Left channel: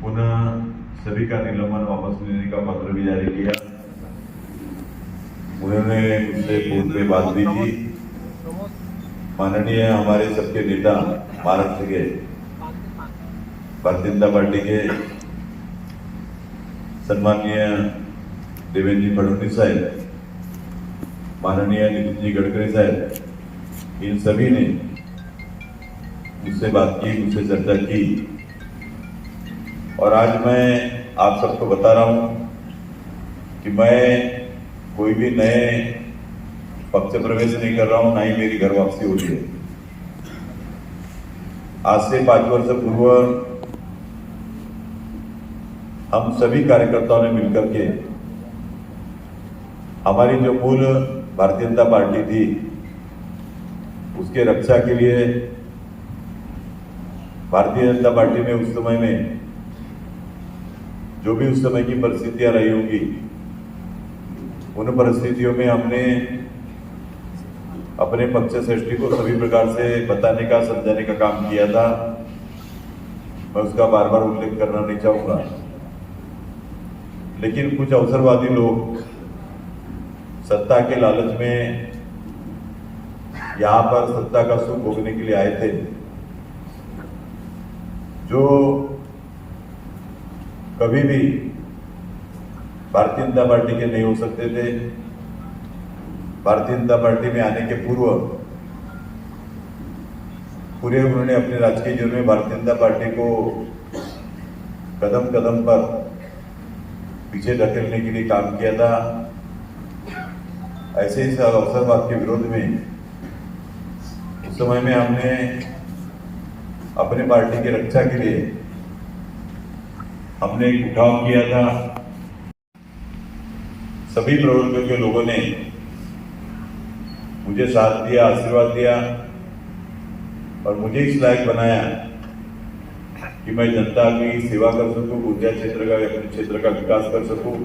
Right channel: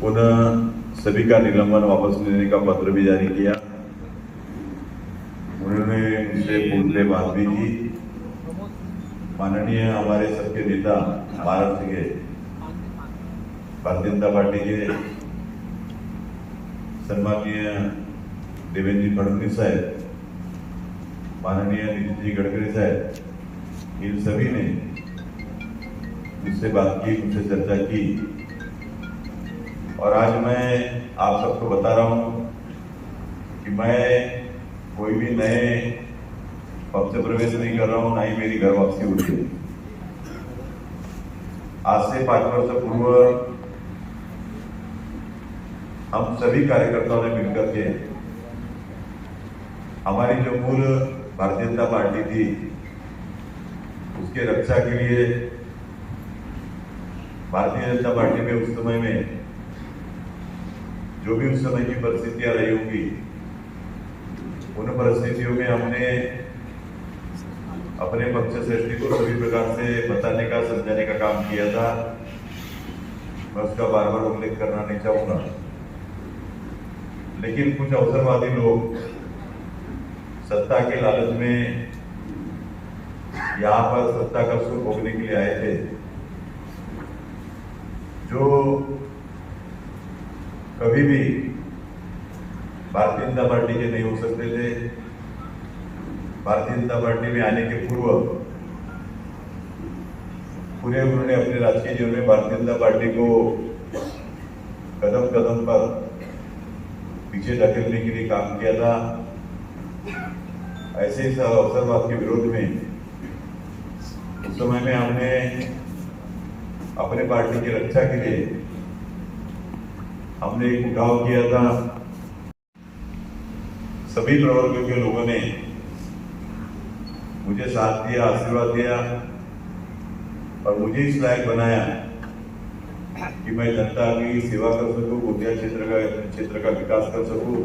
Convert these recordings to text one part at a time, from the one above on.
पुनः सभी का निलंबन वापस लेने का पत्र भी जारी किया। उन्होंने मुझसे फोन पे बात भी की। माननीय हमारे सबके नेता महाराष्ट्र के भारतीय जनता पार्टी के सम्माननीय देवेंद्र जी फडणवीस साहब, माननीय नितिन जी गडकरी साहब, इन सभी ने मुझसे बात की, मुझसे चर्चा की। और आज मैं आप सबको बता रहा हूं कि मैं कोई भी नए पक्ष प्रवेश नहीं कर रहा हूं, ना ही मेरी घर वापसी हो रही है। आज से 5 वर्ष पूर्व हम सभी कार्यकर्ताओं ने मिलकर के हमारी जो मूल भारतीय जनता पार्टी थी उसके रक्षा के लिए भारतीय जनता पार्टी में उस समय में जो भी उस समय की परिस्थितियां रही होंगी, उन परिस्थितियों में हमने अपने पक्ष श्रेष्ठी को सभी प्रकार से बताने का, समझाने का काम किया था। मैं उसका बार बार उल्लेख करना नहीं चाहूंगा, लेकिन कुछ अवसरवादी लोग सत्ता के लालच में यहां पर सत्ता का सुख भोगने के लिए आए थे, जो कभी भी भारतीय जनता पार्टी के नहीं हो सकते थे। भारतीय जनता पार्टी में आने के पूर्व पूरे उन्होंने अपने राजकीय जीवन में भारतीय जनता पार्टी को कदम कदम पर पीछे धकेलने के लिए काम किया था। ऐसे ही अवसरवाद के विरोध में उस समय में हमने अपने पार्टी की रक्षा के लिए हमने एक उठाव किया था। सभी प्रवर्गों के लोगों ने मुझे साथ दिया, आशीर्वाद दिया और मुझे इस लायक बनाया कि मैं जनता की सेवा कर सकूं, ऊर्जा क्षेत्र का, अपने क्षेत्र का विकास कर सकूं।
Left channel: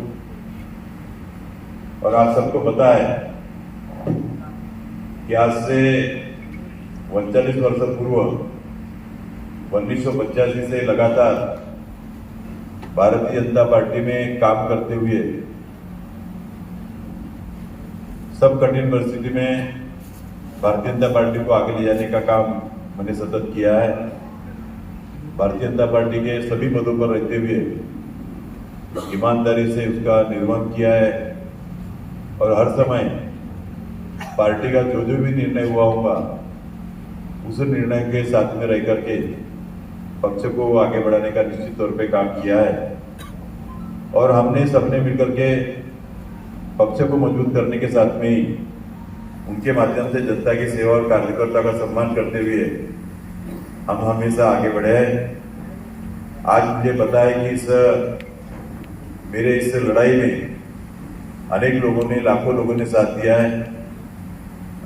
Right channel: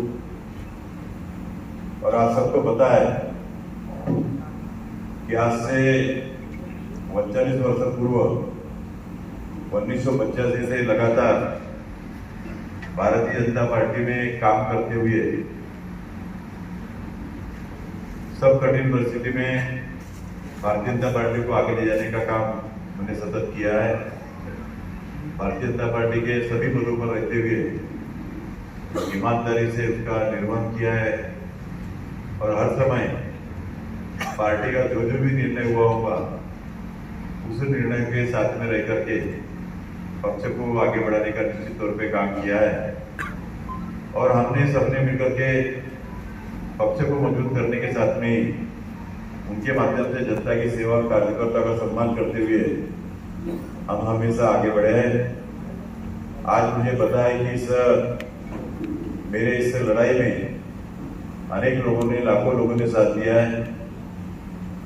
और आप सबको पता है कि आज से 39 वर्ष पूर्व 1985 से लगातार भारतीय जनता पार्टी में काम करते हुए सब कठिन परिस्थिति में भारतीय जनता पार्टी को आगे ले जाने का काम मैंने सतत किया है। भारतीय जनता पार्टी के सभी पदों पर रहते हुए ईमानदारी से उसका निर्वहन किया है और हर समय पार्टी का जो जो भी निर्णय हुआ होगा उस निर्णय के साथ में रह करके पक्ष को आगे बढ़ाने का निश्चित तौर पे काम किया है। और हमने सबने मिलकर के पक्ष को मजबूत करने के साथ में ही उनके माध्यम से जनता की सेवा और कार्यकर्ता का सम्मान करते हुए हम हमेशा आगे बढ़े हैं। आज मुझे पता है कि मेरे इस लड़ाई में अनेक लोगों ने, लाखों लोगों ने साथ दिया है।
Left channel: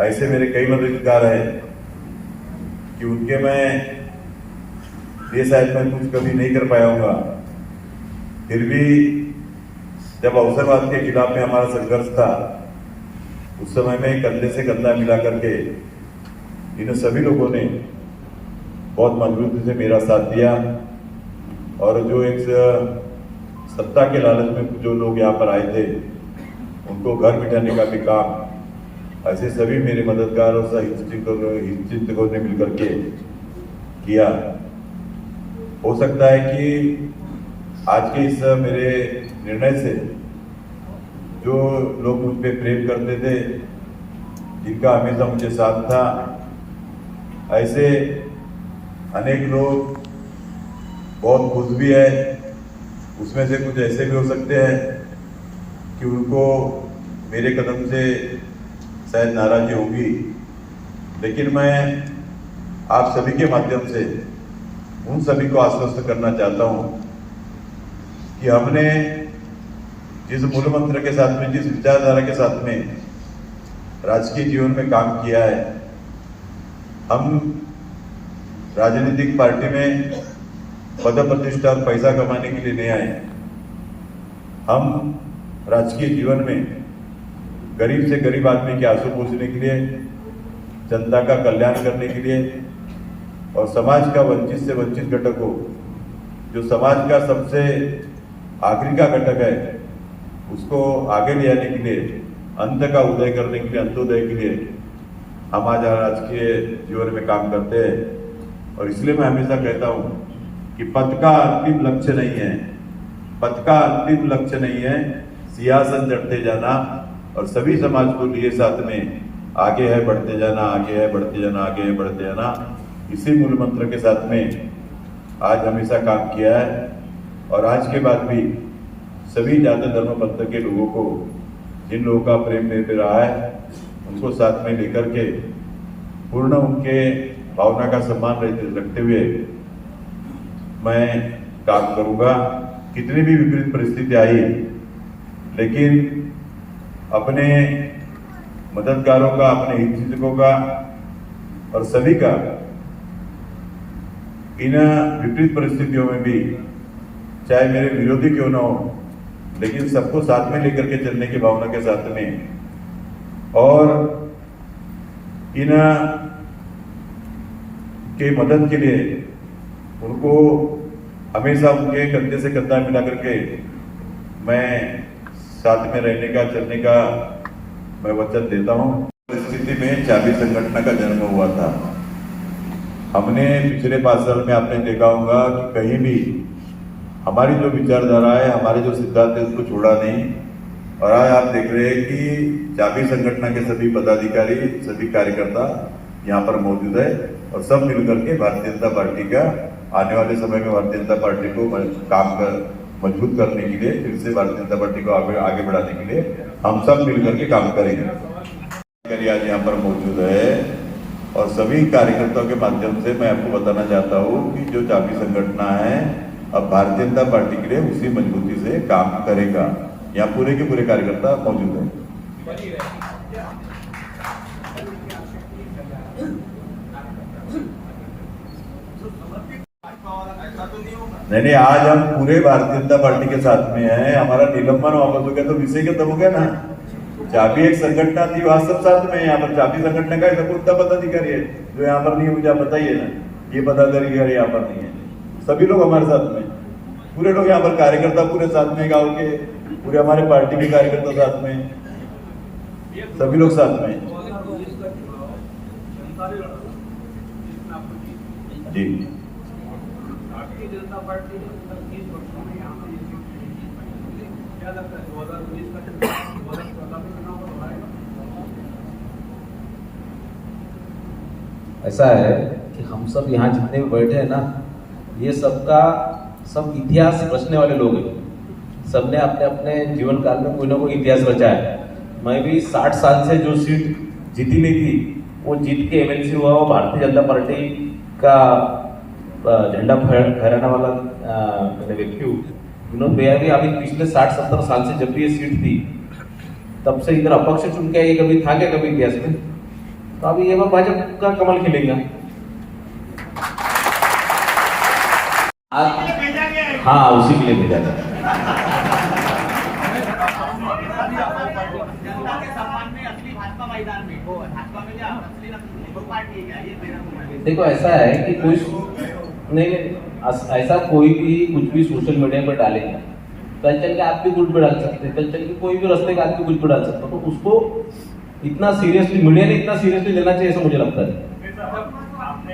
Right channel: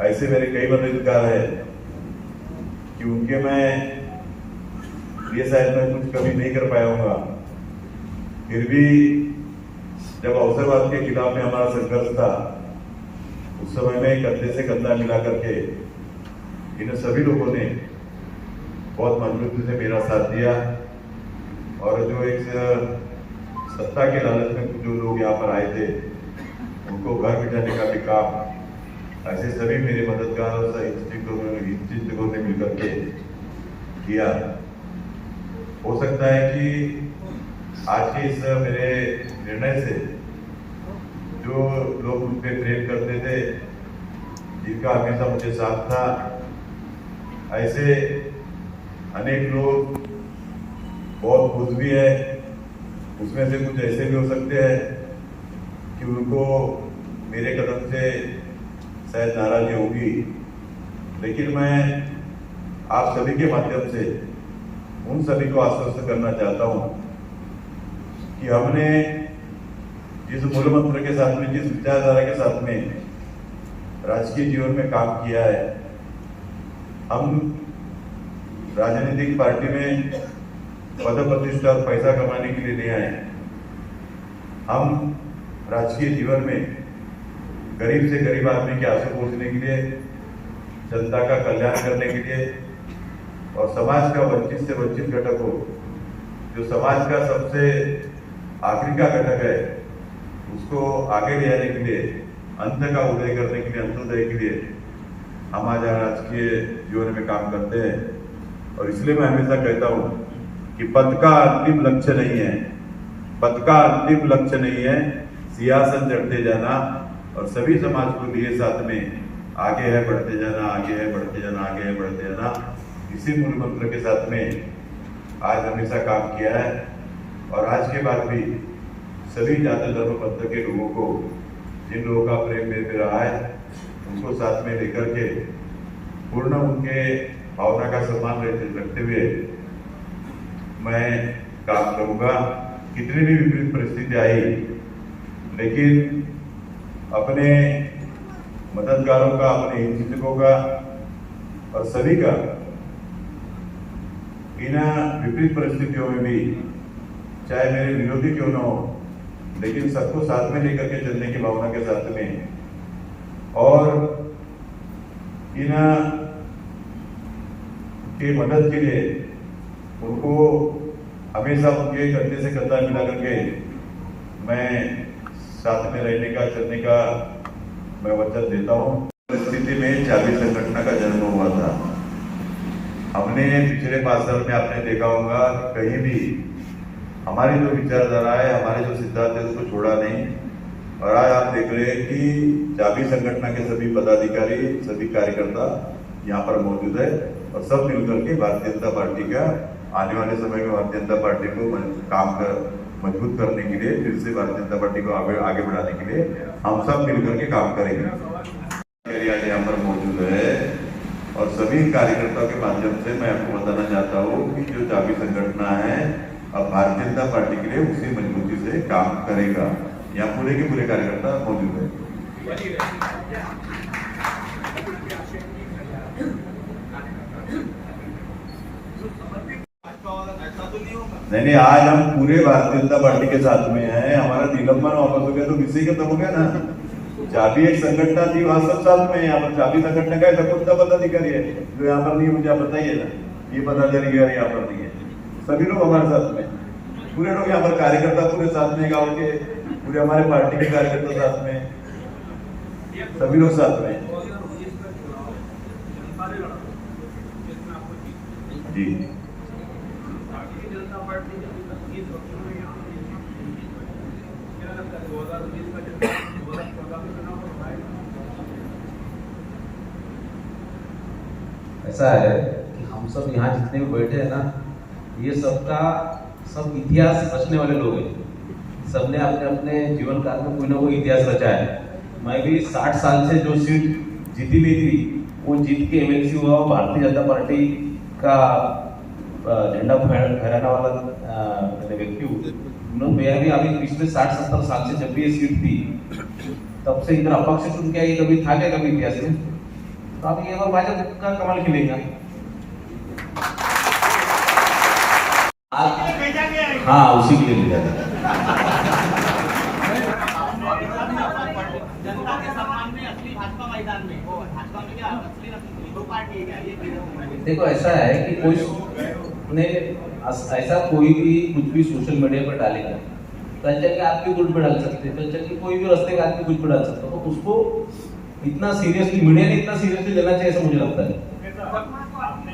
ऐसे मेरे कई मददगार है कि उनके मैं ये शायद मैं कुछ कभी नहीं कर पाया हूँगा, फिर भी जब अवसरवाद के खिलाफ में हमारा संघर्ष था उस समय में कंधे से कंधा मिला करके इन सभी लोगों ने बहुत मजबूती से मेरा साथ दिया। और जो एक सत्ता के लालच में जो लोग यहाँ पर आए थे उनको घर बिठाने का भी काम ऐसे सभी मेरे मददगार और हितचिंतकों ने मिलकर के किया। हो सकता है कि आज के इस मेरे निर्णय से जो लोग मुझ पर प्रेम करते थे, जिनका हमेशा मुझे साथ था, ऐसे अनेक लोग बहुत खुश भी है। उसमें से कुछ ऐसे भी हो सकते हैं कि उनको मेरे कदम से शायद नाराजगी होगी, लेकिन मैं आप सभी के माध्यम से उन सभी को आश्वस्त करना चाहता हूं कि हमने जिस मूल मंत्र के साथ में, जिस विचारधारा के साथ में राजकीय जीवन में काम किया है, हम राजनीतिक पार्टी में पद प्रतिष्ठा और पैसा कमाने के लिए नहीं आए। हम राजकीय जीवन में गरीब से गरीब आदमी के आंसू पोंछने के लिए, जनता का कल्याण करने के लिए और समाज का वंचित से वंचित घटक हो जो समाज का सबसे आखिरी का घटक है उसको आगे ले जाने के लिए, अंत का उदय करने के लिए, अंत्योदय के लिए हम आज राजकीय जीवन में काम करते हैं। और इसलिए मैं हमेशा कहता हूँ कि पद का अंतिम लक्ष्य नहीं है, पद का अंतिम लक्ष्य नहीं है, सिंहासन चढ़ते जाना और सभी समाज को लिए साथ में आगे है बढ़ते जाना, आगे है बढ़ते जाना, आगे है बढ़ते जाना। इसी मूल मंत्र के साथ में आज हमेशा काम किया है और आज के बाद भी सभी जाति धर्म पंथ के लोगों को, जिन लोगों का प्रेम मेरे पे रहा है, उनको साथ में लेकर के पूर्ण उनके भावना का सम्मान रखते हुए मैं काम करूंगा। कितनी भी विपरीत परिस्थिति आई, लेकिन अपने मददगारों का, अपने हितचिंतकों का और सभी का इन विपरीत परिस्थितियों में भी, चाहे मेरे विरोधी क्यों ना हो, लेकिन सबको साथ में लेकर के चलने की भावना के साथ में और इन के मदद के लिए उनको हमेशा उनके कंधे से कंधा मिला करके मैं साथ में रहने का, चलने का मैं वचन देता हूं। परिस्थिति में चाबी संगठन का जन्म हुआ था। हमने पिछले 5 साल में आपने देखा होगा कि कहीं भी हमारी जो विचारधारा है, हमारे जो सिद्धांत है, उसको छोड़ा नहीं। और आज आप देख रहे हैं कि चाबी संगठन के सभी पदाधिकारी, सभी कार्यकर्ता यहाँ पर मौजूद है और सब मिलकर के भारतीय जनता पार्टी का आने वाले समय में भारतीय जनता पार्टी को मजबूत करने के लिए, फिर से भारतीय जनता पार्टी को आगे बढ़ाने के लिए हम सब मिलकर के काम करेंगे। आज यहाँ पर मौजूद है और सभी कार्यकर्ताओं के माध्यम से मैं आपको बताना चाहता हूँ कि जो चाबी संगठन है अब भारतीय जनता पार्टी के लिए उसी मजबूती से काम करेगा। यहाँ पूरे के पूरे कार्यकर्ता मौजूद है। नहीं, आज हम पूरे भारतीय जनता पार्टी के साथ में हैं। हमारा निलंबन वापस हो गया तो विषय खत्म हो गया ना। चाबी एक संगठन थी, वहां सब साथ में। यहाँ पर चाबी संगठन का जगुप्ता पदाधिकारी है जो यहाँ पर नहीं है, मुझे आप बताइए ना। ये पदाधिकारी यहाँ पर नहीं है, सभी लोग हमारे साथ में, पूरे लोग यहाँ पर कार्यकर्ता पूरे साथ में, गाँव के पूरे हमारे पार्टी के कार्यकर्ता साथ में, सभी लोग साथ में जी। ऐसा है कि हम सब यहाँ जितने भी बैठे हैं ना, ये सबका सब इतिहास रचने वाले लोग हैं। सबने अपने अपने जीवन काल में कोई ना कोई इतिहास रचा है। मैं भी 60 साल से जो सीट जीती नहीं थी, वो जीत के एमएलसी हुआ। वो भारतीय जनता पार्टी का झंडा फहराने वाला व्यक्ति हूँ। विनोद भैया भी अभी पिछले 60-70 साल से जब भी ये सीट थी, तब से इधर अपक्ष चुन के ये कभी था क्या कभी इतिहास में? तो अभी ये बार भाजपा का कमल खिलेगा। हाँ, उसी के लिए भेजा था। देखो ऐसा है कि कोई ने ऐसा कोई भी कुछ भी सोशल मीडिया पर डालेगा, कल चल के आप भी कुछ भी डाल सकते हैं, कल चल के कोई भी रास्ते का आप भी कुछ भी डाल सकते हो। तो उसको इतना सीरियसली मीडिया ने इतना सीरियसली लेना चाहिए ऐसा मुझे लगता है।